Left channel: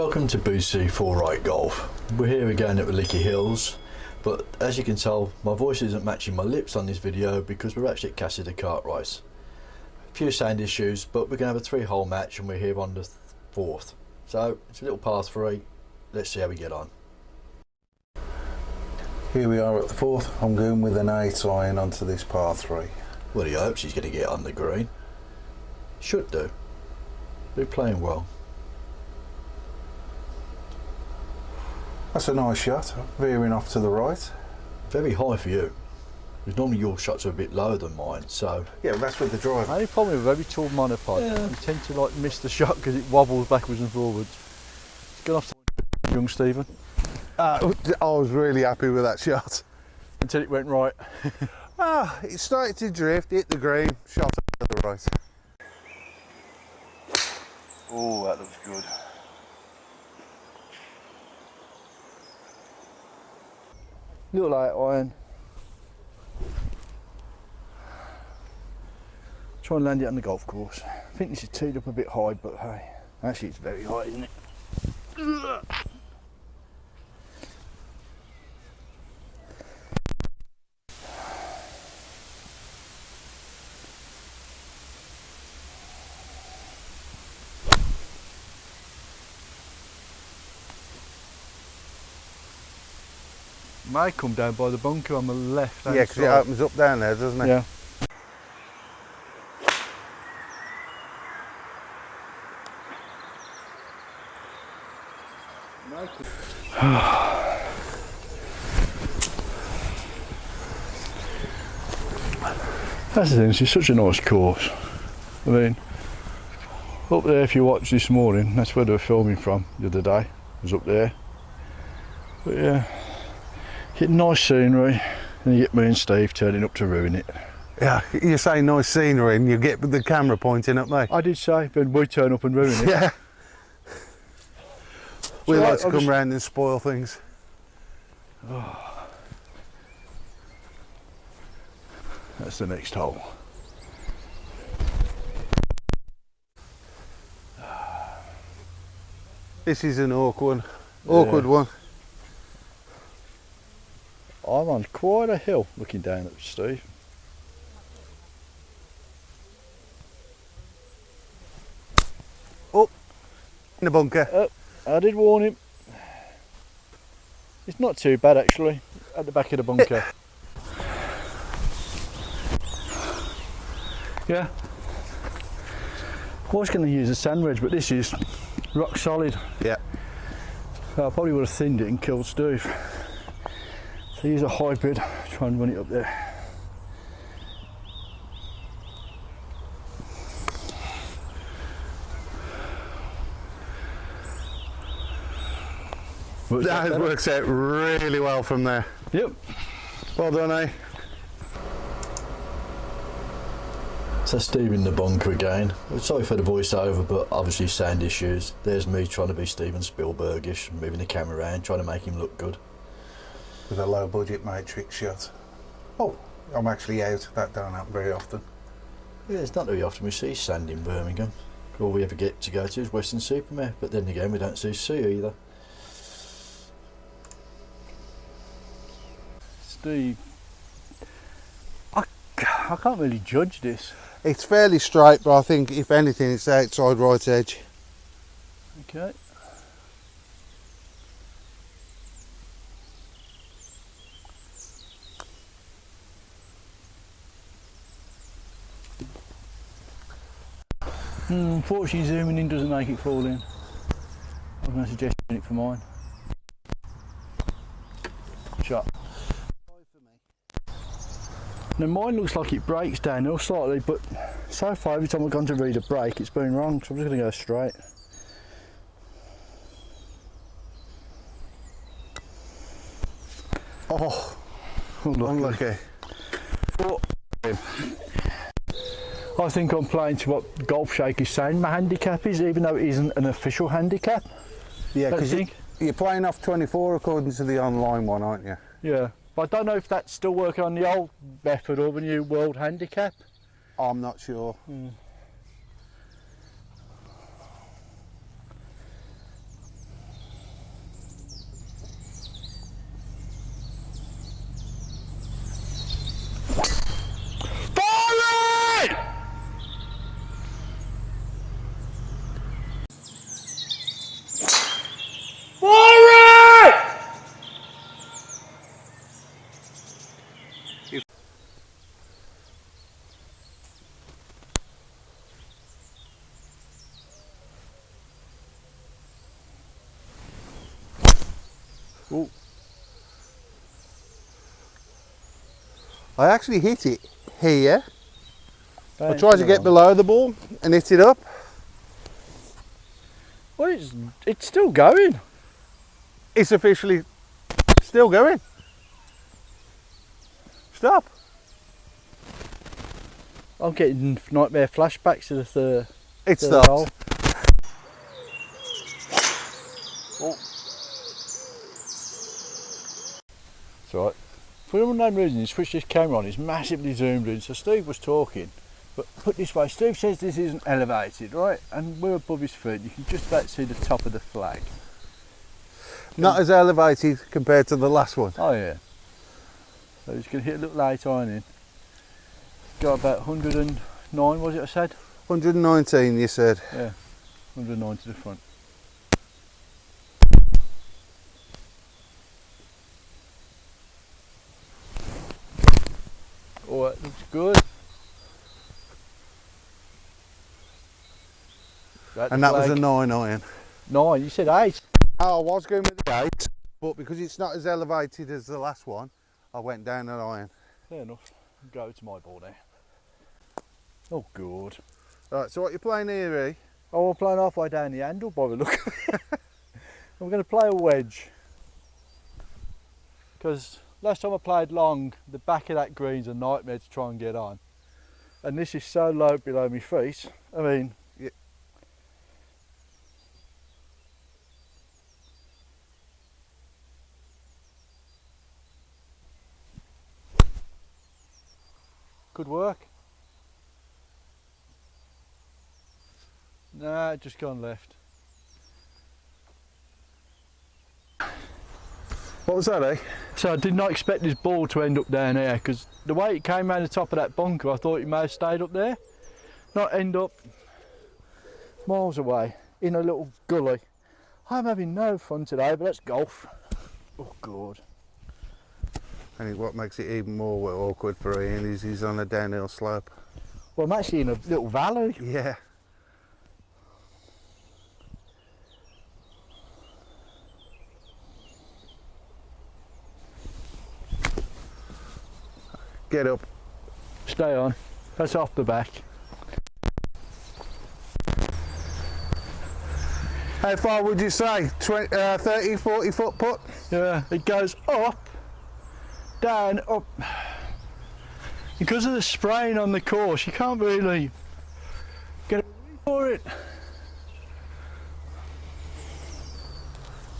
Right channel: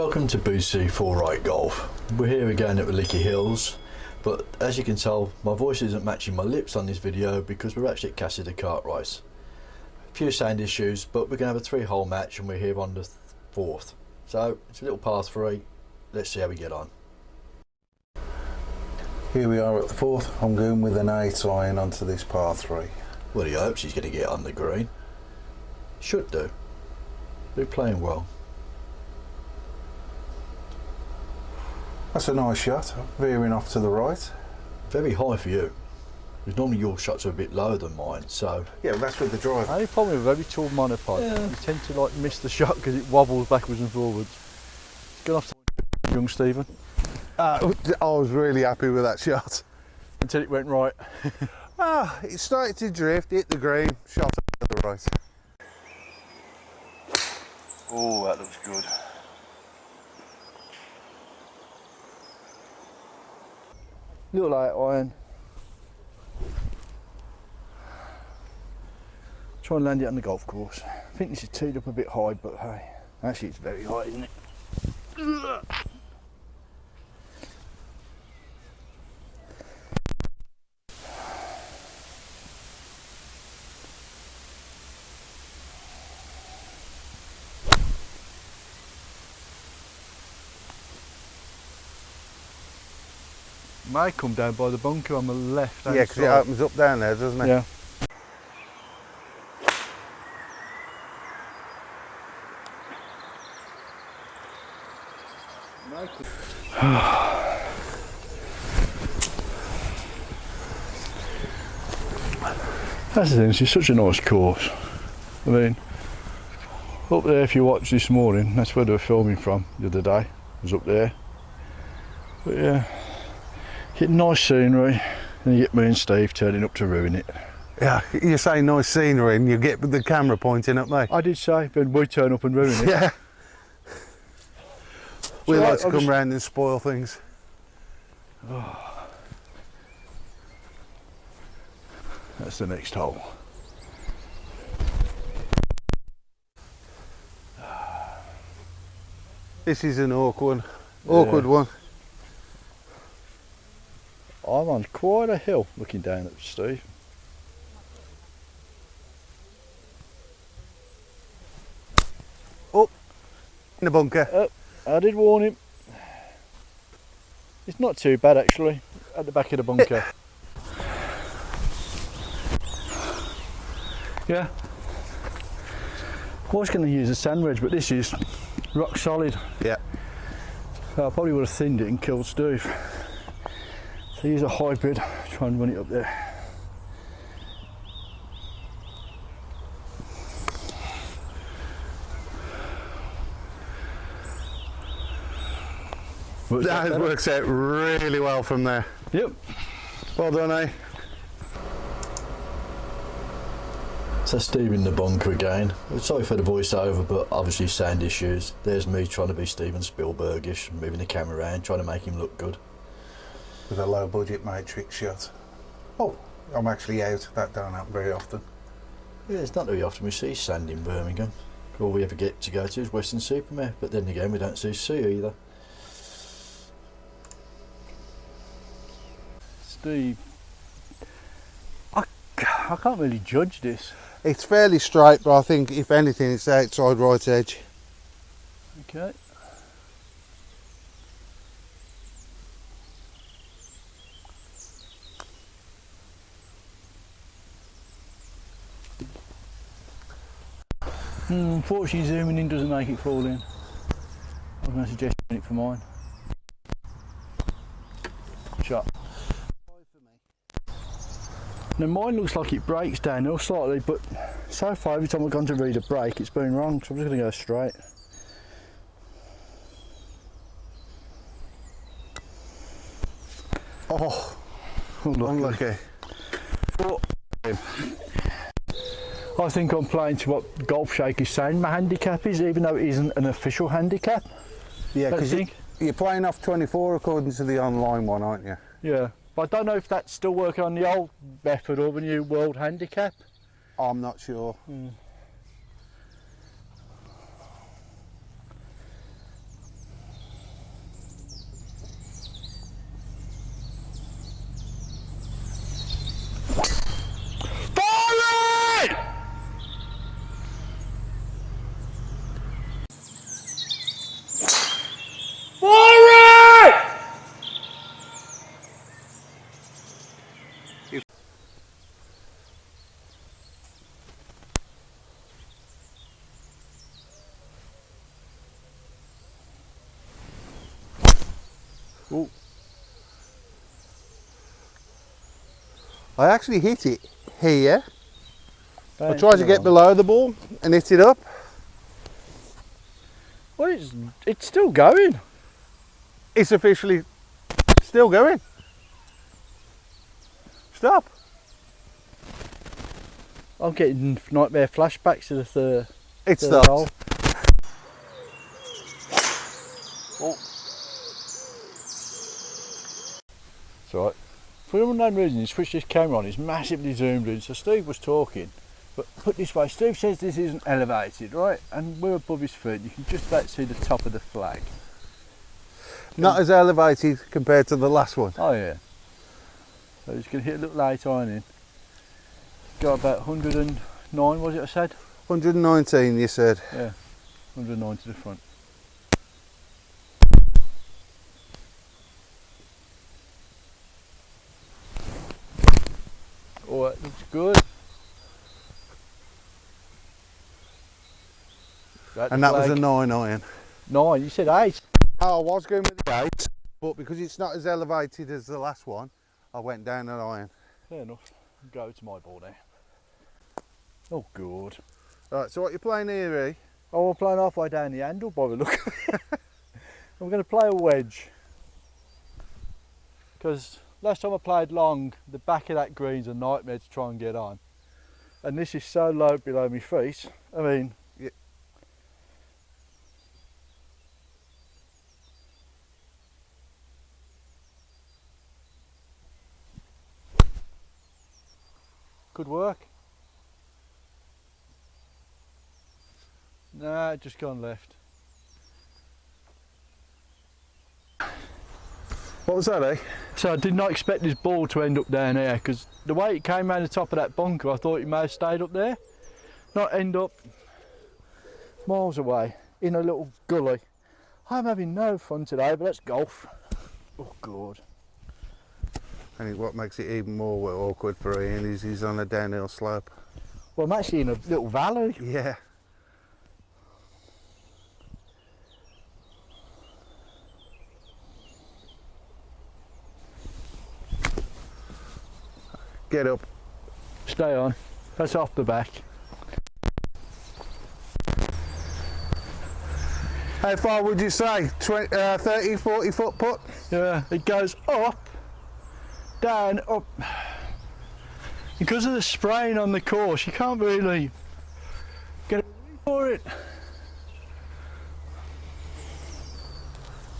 Welcome to BC4 Right Golf. We're here again at the Licky Hills, but as you can tell my voice isn't matching my lips on this video because we're actually at Casa de Cartwright. A few sound issues, but we're going to have a 3-hole match and we're here on the 4th. So it's a little par 3, let's see how we get on. Here we are at the 4th, I'm going with an 8 iron onto this par 3. Well, he hopes he's going to get on the green. Should do. They're playing well. That's a nice shot, veering off to the right. Very high for you. Because normally your shots are a bit lower than mine, so... Yeah, that's with the driver. The only problem with a very tall monopod, you tend to like miss the shot because it wobbles backwards and forwards. It's gone off to young Stephen. I was really happy with that shot. Until it went right. It started to drift, hit the green, shot up to the right. Oh, that looks good. Little 8 iron. Try and land it on the golf course. I think this is teed up a bit high, but hey, actually it's very high, isn't it? May come down by the bunker on the left hand side. Yeah, because it opens up down there, doesn't it? Yeah. That's the thing, it's such a nice course. I mean, up there, if you watch this morning, that's where they were filming from the other day. It was up there. But yeah, get nice scenery, and you get me and Steve turning up to ruin it. Yeah, you say nice scenery and you get the camera pointing at me. I did say, then we turn up and ruin it. Yeah. We So like to come round and spoil things. Oh. That's the next hole. This is an awkward one. I'm on quite a hill looking down at Steve. Up in the bunker. Oh, I did warn him. It's not too bad actually, at the back of the bunker. Yeah. I was going to use a sand wedge, but this is rock solid. Yeah. So I probably would have thinned it and killed Steve. So use a hybrid, try and run it up there. That works out really well from there. Yep. Well done, eh? So Steve in the bunker again. Sorry for the voiceover, but obviously sound issues. There's me trying to be Steven Spielbergish, moving the camera around, trying to make him look good. With a low budget matrix shot. Oh, I'm actually out. That don't happen very often. Yeah, it's not very often we see sand in Birmingham. All we ever get to go to is Western Supermare, but then again we don't see sea either. Steve, I can't really judge this. It's fairly straight, but I think if anything it's outside right edge. Okay. Unfortunately zooming in doesn't make it fall in. I'm going to suggest doing it for mine. Shot. Now mine looks like it breaks downhill slightly, but so far every time I've gone to read a break it's been wrong, so I'm just going to go straight. Oh, unlucky. I think I'm playing to what Golf Shake is saying my handicap is, even though it isn't an official handicap. Yeah, because think. You're playing off 24 according to the online one, aren't you? Yeah, but I don't know if that's still working on the old method or the new world handicap. I'm not sure. Oh, I actually hit it here. I thanks tried for to the get one. below the ball and hit it up. Well, it's still going. It's officially still going. Stop. I'm getting nightmare flashbacks to the third. It third stopped. hole. Oh. It's alright. For some unknown reason, you switch this camera on, it's massively zoomed in. So Steve was talking, but put this way, Steve says this isn't elevated, right? And we're above his feet, you can just about see the top of the flag. Not as elevated compared to the last one. Oh yeah. So he's going to hit a little light iron in. Got about 109, was it I said? 119 you said. Yeah, 109 to the front. Oh, that looks good. And that was a 9 iron. 9, you said 8. Oh, I was going with the 8, but because it's not as elevated as the last one, I went down an iron. Fair enough. Go to my ball now. Oh, good. Right, so what you playing here, eh? Oh, we're playing halfway down the handle by the look of it. I'm going to play a wedge. Because last time I played long, the back of that green's a nightmare to try and get on. And this is so low below my feet. I mean, Yeah. could work. Nah, just gone left. What was that, eh? So I did not expect this ball to end up down here, because the way it came around the top of that bunker, I thought it may have stayed up there, not end up miles away in a little gully. I'm having no fun today, but that's golf. Oh God. I think what makes it even more awkward for Ian is he's on a downhill slope. Well, I'm actually in a little valley. Yeah. Get up. Stay on. That's off the back. How far would you say? 20, 30, 40 foot putt? Yeah, it goes up, down, up. Because of the spraying on the course, you can't really get a read for it.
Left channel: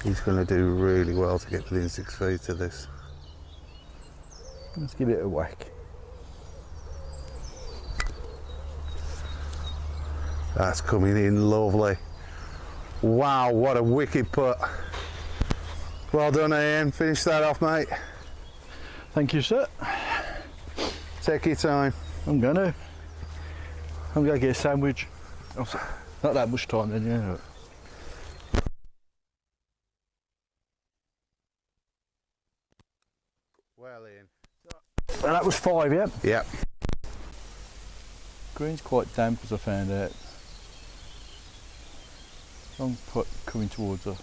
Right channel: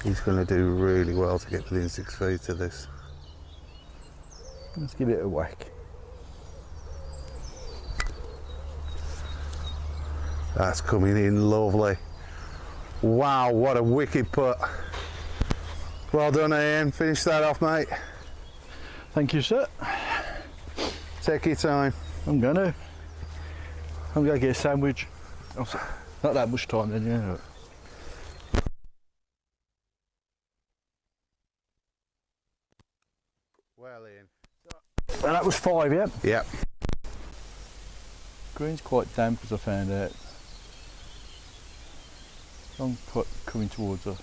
He's going to do really well to get within 6 feet of this. Let's give it a whack. That's coming in lovely. Wow, what a wicked putt. Well done, Ian. Finish that off, mate. Thank you, sir. Take your time. I'm gonna get a sandwich. Not that much time then, yeah. Well, Ian. And that was 5, yeah? Yep. Green's quite damp, as I found out. Long putt coming towards us.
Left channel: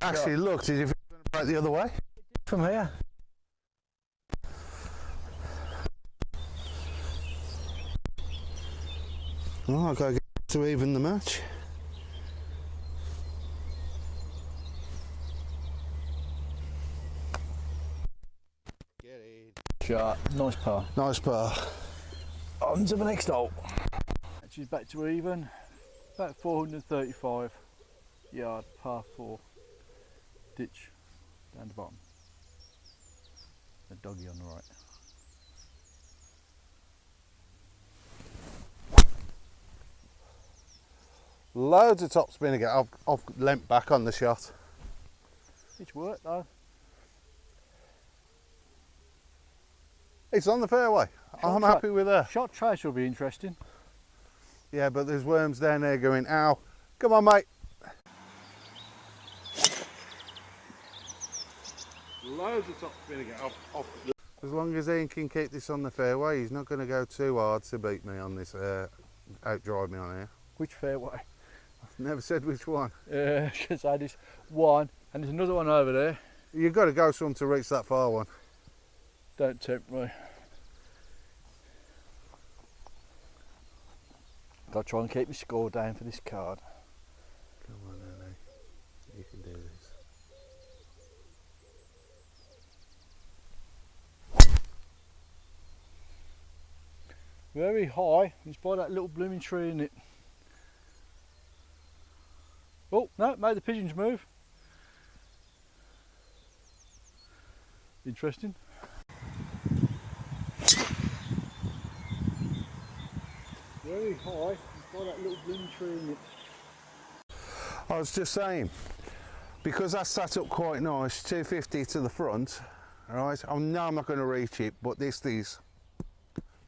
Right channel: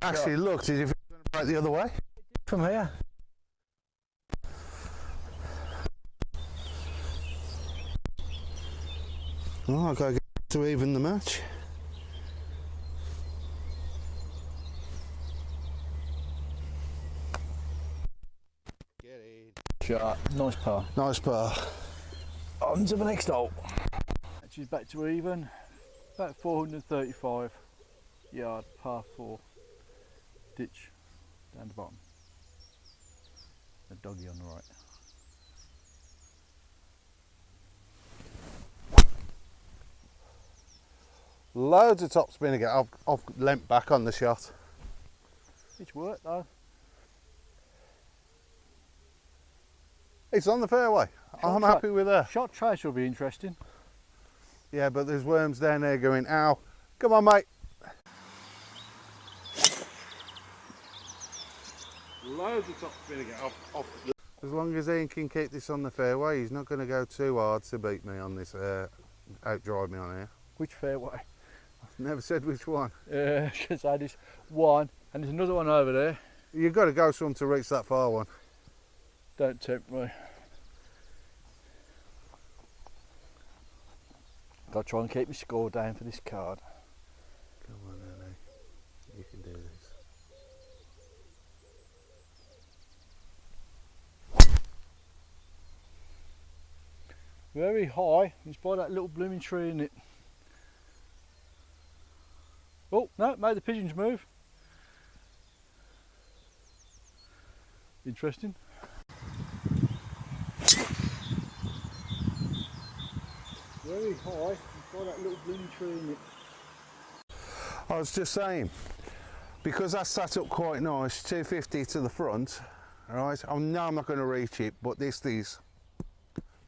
Actually, it looked as if it was going to break the other way. From here. Oh, I've got to get to even the match. Get in. Shot. Nice par. Nice par. On to the next hole. She's back to even. About 435 yard, par 4. Ditch down the bottom. A doggy on the right. Loads of top spin again. I've leant back on the shot. It's worked though. It's on the fairway. I'm Shot happy with that. Shot trace will be interesting. Yeah, but there's worms down there going, ow. Come on, mate. Loads of top spin again. Off. As long as Ian can keep this on the fairway, he's not going to go too hard to beat me on this, outdrive me on here. Which fairway? I've never said which one. Yeah, because I had this one, and there's another one over there. You've got to go some to reach that far one. Don't tempt me. Got to try and keep my score down for this card. Come on, Annie. You can do this. Very high. It's by that little blooming tree in it. Oh no, made the pigeons move. Interesting. Very high. It's by that little blooming tree in it. I was just saying, because I sat up quite nice, 250 to the front, right? I know I'm not going to reach it, but this is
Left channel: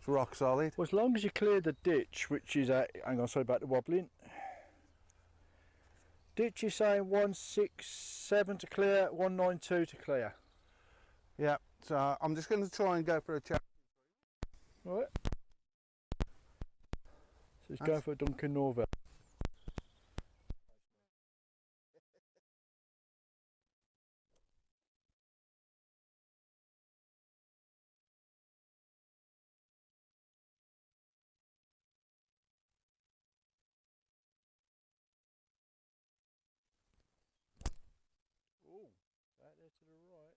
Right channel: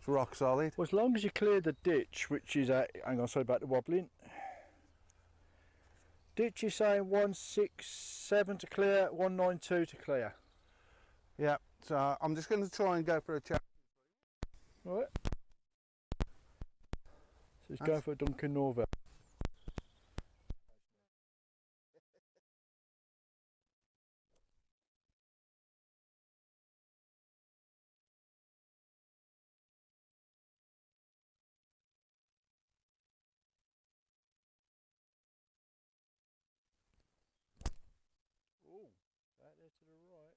rock solid. Well, as long as you clear the ditch, which is at, hang on, sorry about the wobbling. Ditch is saying 167 to clear, 192 to clear. Yeah, so I'm just going to try and go for a chat. Right. So he's going for a Duncan Norvell. Oh, right there to the right.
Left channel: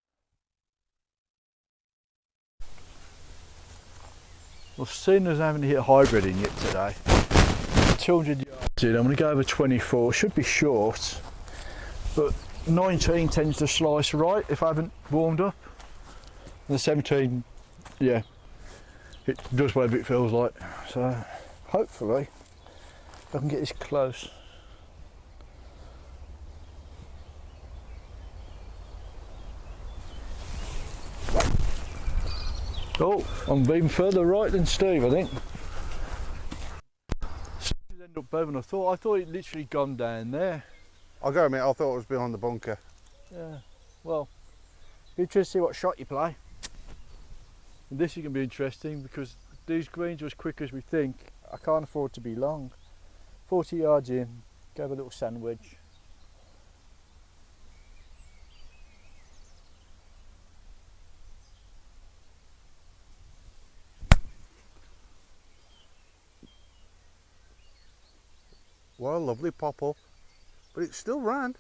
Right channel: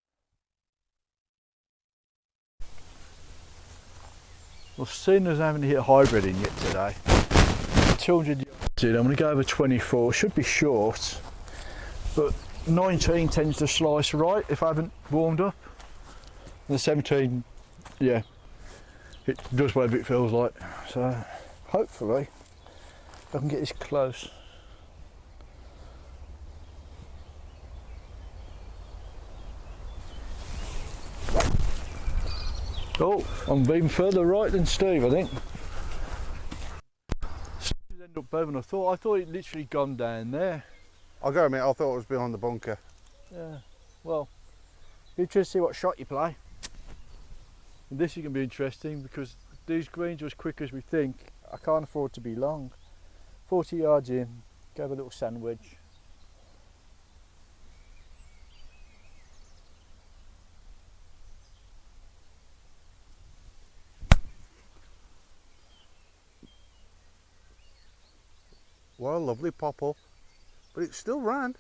Well, seeing as I haven't hit hybrid in yet today, 200 yards in, I'm going to go over 24. Should be short, but 19 tends to slice right if I haven't warmed up. And the 17, yeah, it does whatever it feels like. So hopefully I can get this close. Oh, I'm even further right than Steve, I think. Steve ended up better than I thought. I thought it literally gone down there. I'll go admit, I thought it was behind the bunker. Yeah, well, be interested to see what shot you play. And this is going to be interesting because these greens are as quick as we think. I can't afford to be long. 40 yards in, go have a little sand wedge. Well, lovely pop up, but it still ran.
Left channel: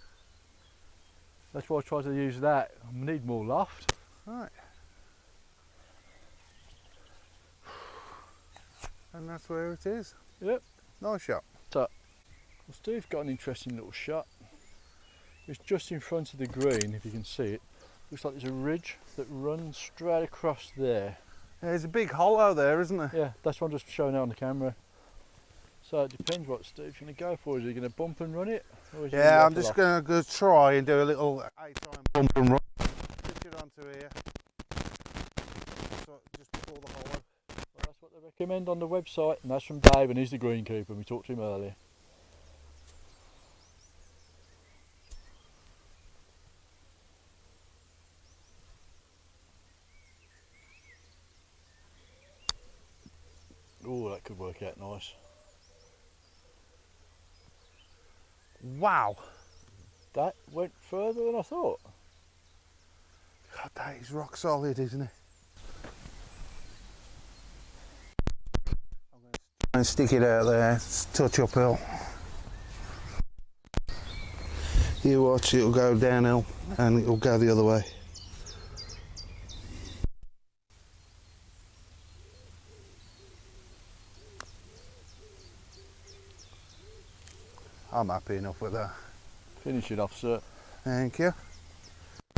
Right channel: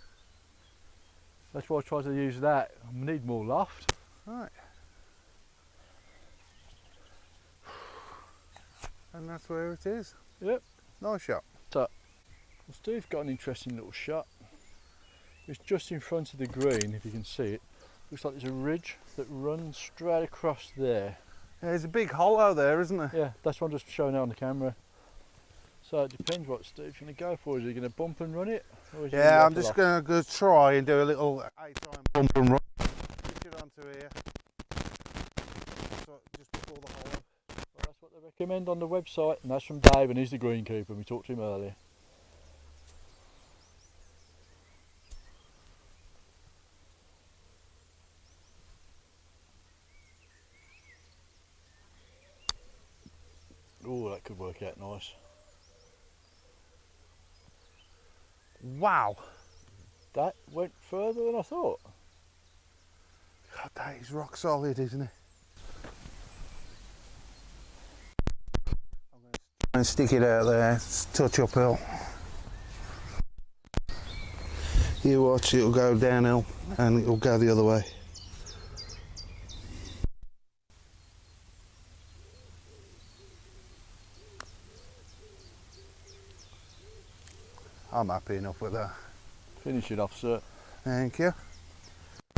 That's why I tried to use that. I need more loft. Right. And that's where it is. Yep. Nice shot. Well, Steve's got an interesting little shot. It's just in front of the green, if you can see it. Looks like there's a ridge that runs straight across there. Yeah, there's a big hollow there, isn't there? Yeah, that's what I'm just showing out on the camera. So it depends what Steve's going to go for. Is he going to bump and run it? Or is he Yeah, gonna I'm just going to go try and do a little 8-time bump and run. Pitch it onto here. So just before the hollow. Well, that's what they recommend on the website, and that's from Dave, and he's the greenkeeper, and we talked to him earlier. Oh, that could work out nice. Wow. That went further than I thought. God, that is rock solid, isn't it? I'm going to try and stick it out there, it's touch uphill. You watch, it'll go downhill and it'll go the other way. I'm happy enough with that. Finish it off, sir. Thank you.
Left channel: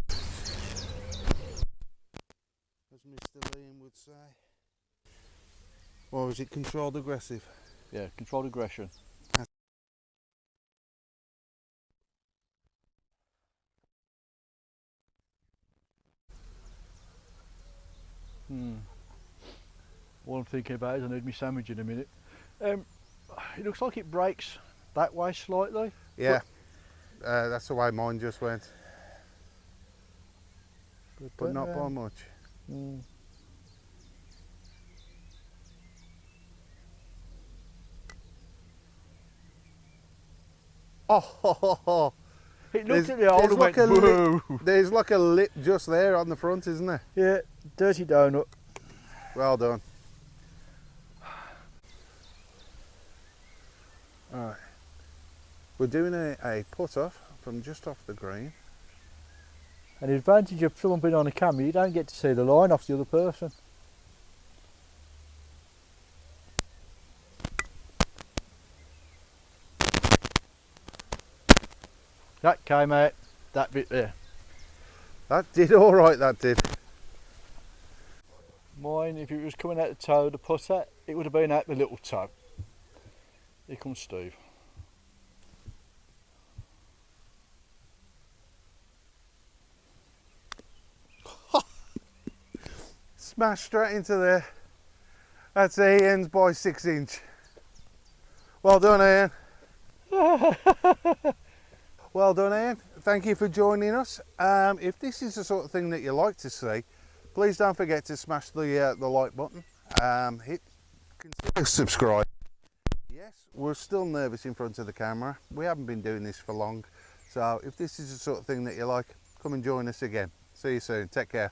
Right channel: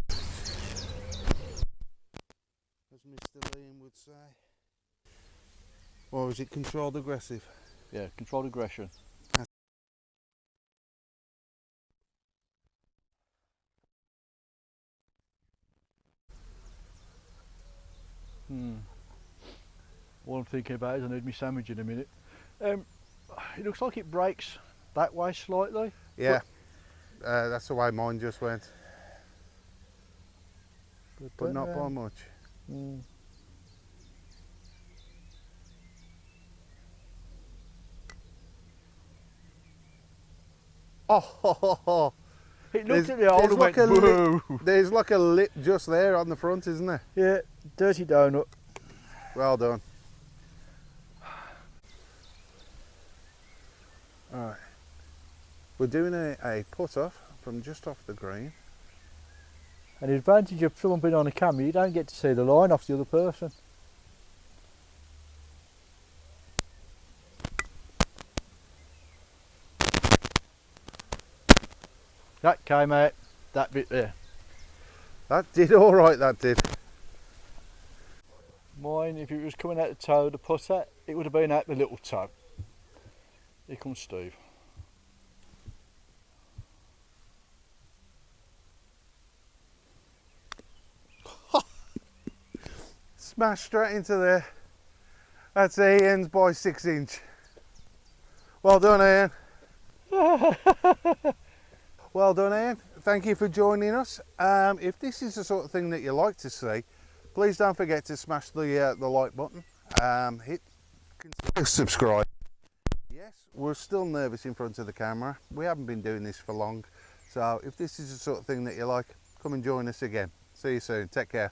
As Mr. Liam would say. Or is it controlled aggressive? Yeah, controlled aggression. All I'm thinking about is I need my sandwich in a minute. It looks like it breaks that way slightly. Yeah, that's the way mine just went. but not by much. Mm. Oh, It looked at the hole and went, whoa. There's like a lip just there on the front, isn't there? Yeah, dirty donut. Well done. Alright, we're doing a put off from just off the green. And the advantage of filming on a camera, you don't get to see the line off the other person. That came out, that bit there. That did alright, that did. Mine, if it was coming out the toe, the putter, it would have been out the little toe. Here comes Steve. Smash straight into there. That's Ian's by 6 inch. Well done, Ian. Well done, Ian. Thank you for joining us. If this is the sort of thing that you like to see, please don't forget to smash the like button. Consider subscribe. Yes, we're still nervous in front of the camera. We haven't been doing this for long. So if this is the sort of thing that you like, come and join us again. See you soon. Take care.